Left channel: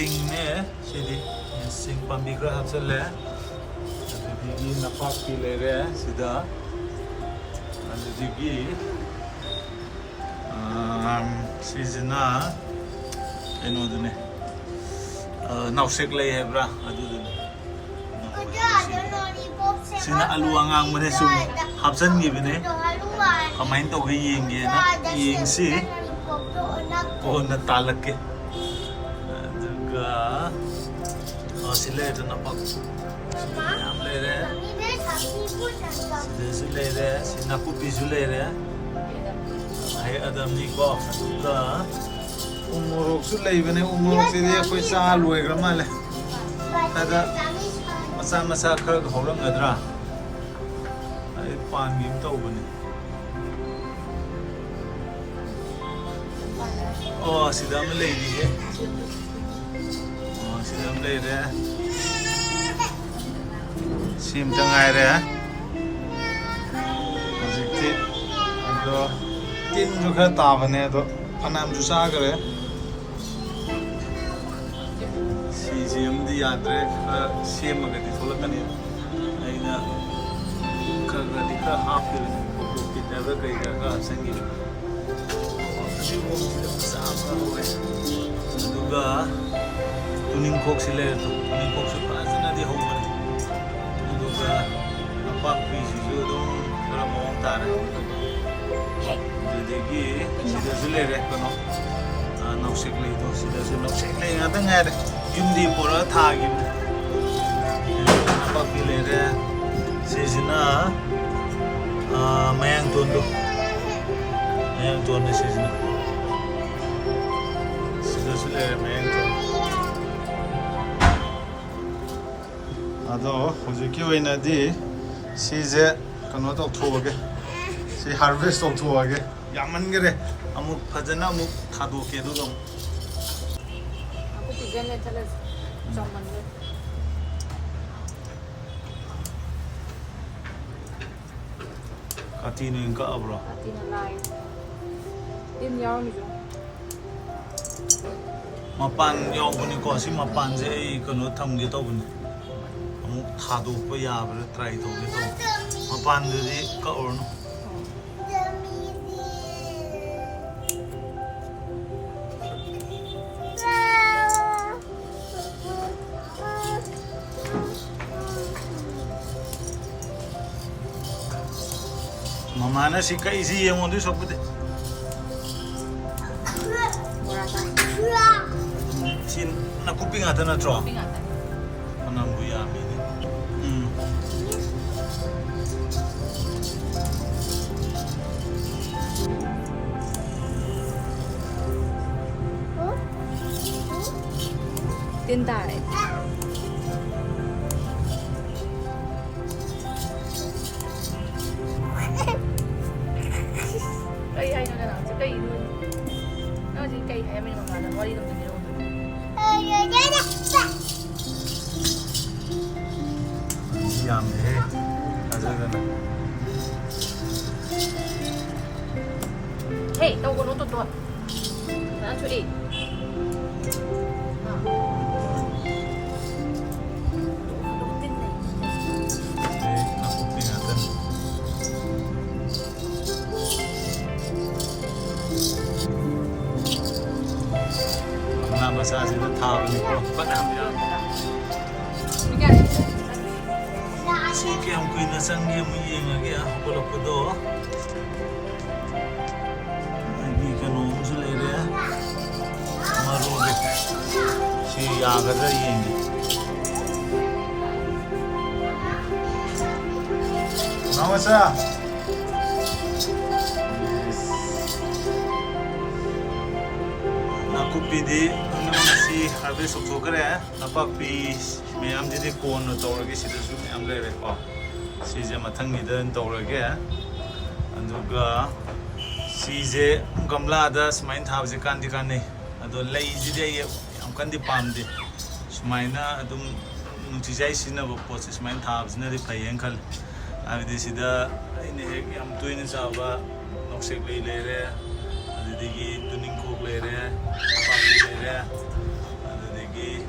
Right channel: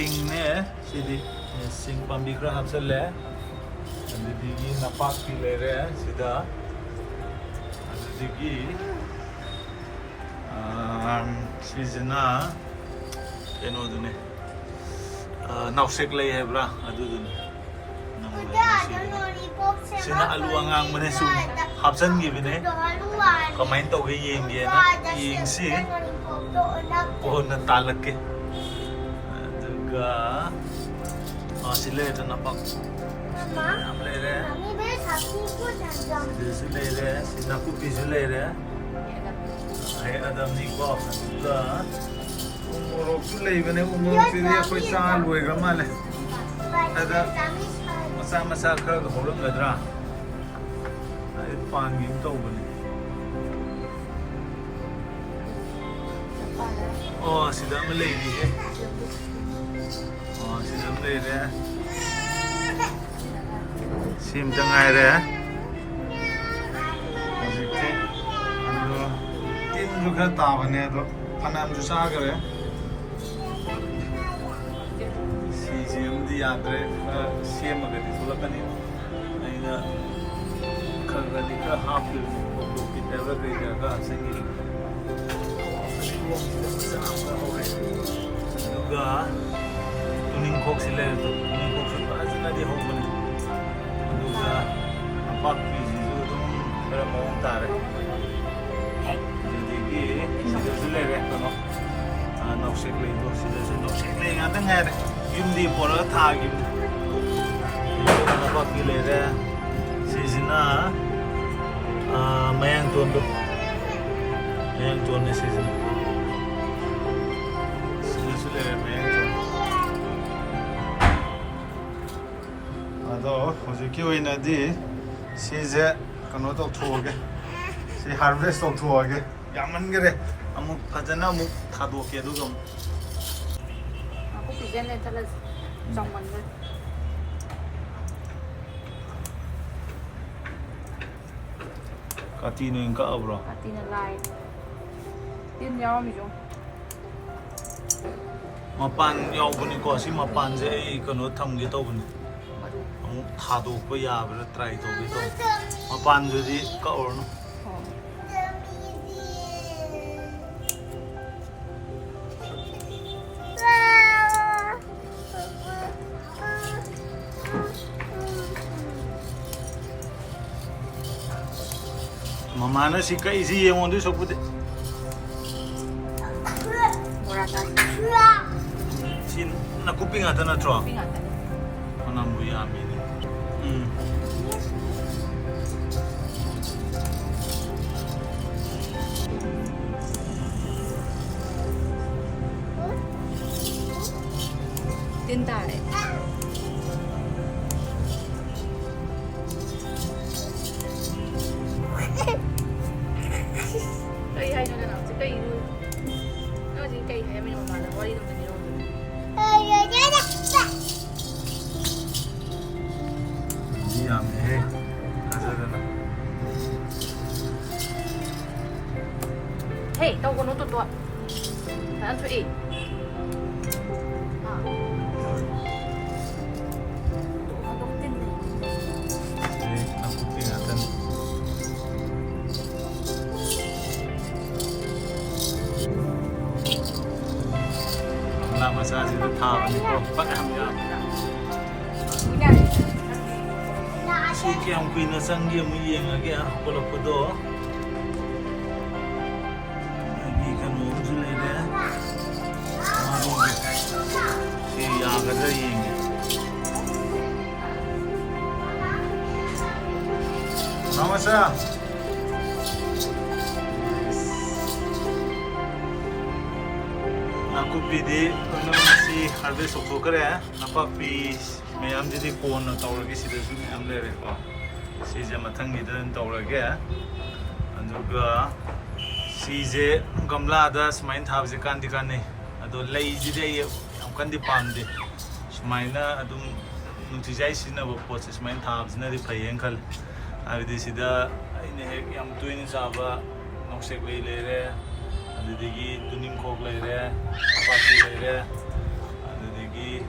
सिंगने सिदी सिंग पाम्बी खरा हापचल्ले अदुदगी नापाकपी लेरे सिदा अदुदगी सिजना कइनोदुने नाउसेक लई हैब्रा अदुदुने सिना आलू आंगांग मने सुम हापचनगिबने कमाइन तौगे येंगेना येंगसि ओना तालके सिले नापाक याम लेरे सिदसु लेरे सिनाकुपिसु लेरे है अदमनी को अदुगा उमोरोकसु लेबने उमोरोकसिदि अखोय चा लोयग्रा माले अदा मसा मसा खरग हौरंगद्रा आई पानगिम तौबने ओ सिदम लेदी है सिदम ले रहे सिम तंगाई रहे हजिकते अदो तीन जो खरा ताबने तो फनाम जो सागरे सिम दी यात्रे सेम मगदी थोलकनी अइना खगदी खरा हाफ के प्रोफिट एवर कई का संगी वो सामका हो गए दुगा तुनिंग खोक से ले तो तुनिंग खोक से पाजना दे हो बने दुगा पाक पीजी जो तुम थोड़ा मोंग तारे जदेगी सीधा से ले रे कनो नौशेक ले दो सीधा से नौशेक ले यहाँ तक है युमदी पोरा था गिम पाक पी ले रे सीजना मयांग तोंडो मयांग तोंडे सीजना सीधा से ले मयांग तोंडो अदो हुजुकी ओइनादि सिजे कनो तौथोगे सि हार्वेस्ट तौथोगे यामनगरे अमुक फजना अमुक थादोके दुगा aku pijen le thala jamman le काती ने इनका अब्रो ati na lai tin yaw mi jo मपान यावबनी को सि मपान जे कनो थमगे तौबनी अमुक थादोकपा याब्रा ट्राई तौगे तौ मपान दुदि कओरनो ममाना सिका इसी येंगोंदि सोकबुदे mora ka sin nakupi ngata na tro pingat anam bu yamini tin tai cây hay nó là nào chứ cây nuôi nó gì cây hay mình mà là có đi đâu được đâu yamne azadana hey đâu có nó tốt tốt ăn chơi đi nakupi ngata na masa sida thabani ko panam yam si ke am kuina sangi mu yenga ke kolokdo ni kanu zulere maru si yaga na yengi namasa nakupidi onamsi harvest okthokare napakpi ma'am ji कौन तौरगे ma'am लेरेको सीजे मथंगी तौरगे सीजे गमलाद सुमाइन थाबजे कांदी काने अदो लेजिदे यम कंदी पामदे सुमाइना अदुम नुचिजाई सिनबो पोसे सुमाइन थाबजनादि फैयेन खल आबिदि सिदा आइने हेक यम तुइने चाबा नौसेक लेरे अदुदिगी तुनिंग खोक लेरे पापी लेरे अदुदिगी ꯑꯗꯒꯤ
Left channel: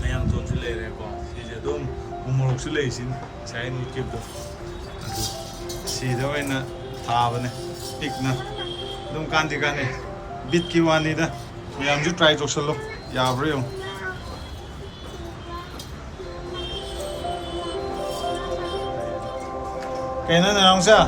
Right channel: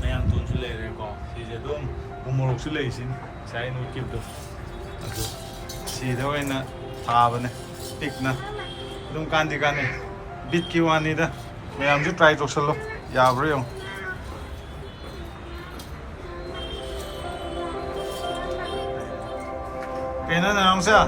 ꯃꯌꯥꯡꯇꯣꯟꯁꯨ ꯂꯩꯔꯦꯀꯣ ꯁꯤꯁꯦ ꯑꯗꯨꯝ ꯎꯃꯣꯔꯣꯛꯁꯨ ꯂꯩꯔꯤꯁꯤꯅꯤ ꯉꯁꯥꯏ ꯑꯩꯅ ꯎꯠꯈꯤꯕꯗꯣ ꯑꯗꯨ ꯁꯤꯗ ꯑꯣꯏꯅ ꯊꯥꯕꯅꯦ ꯄꯤꯛꯅ ꯑꯗꯨꯝ ꯀꯥꯟꯗꯤ ꯀꯥꯟꯅꯩ ꯕꯤꯠꯀꯤ ꯋꯥꯅꯤꯗ ꯃꯌꯥꯝꯁꯨ ꯇ꯭ꯔꯥꯏ ꯇꯧꯁꯜꯂꯣ ꯌꯥꯕ꯭ꯔꯥ ꯌꯦꯡꯉꯣ kayaknya nang sa?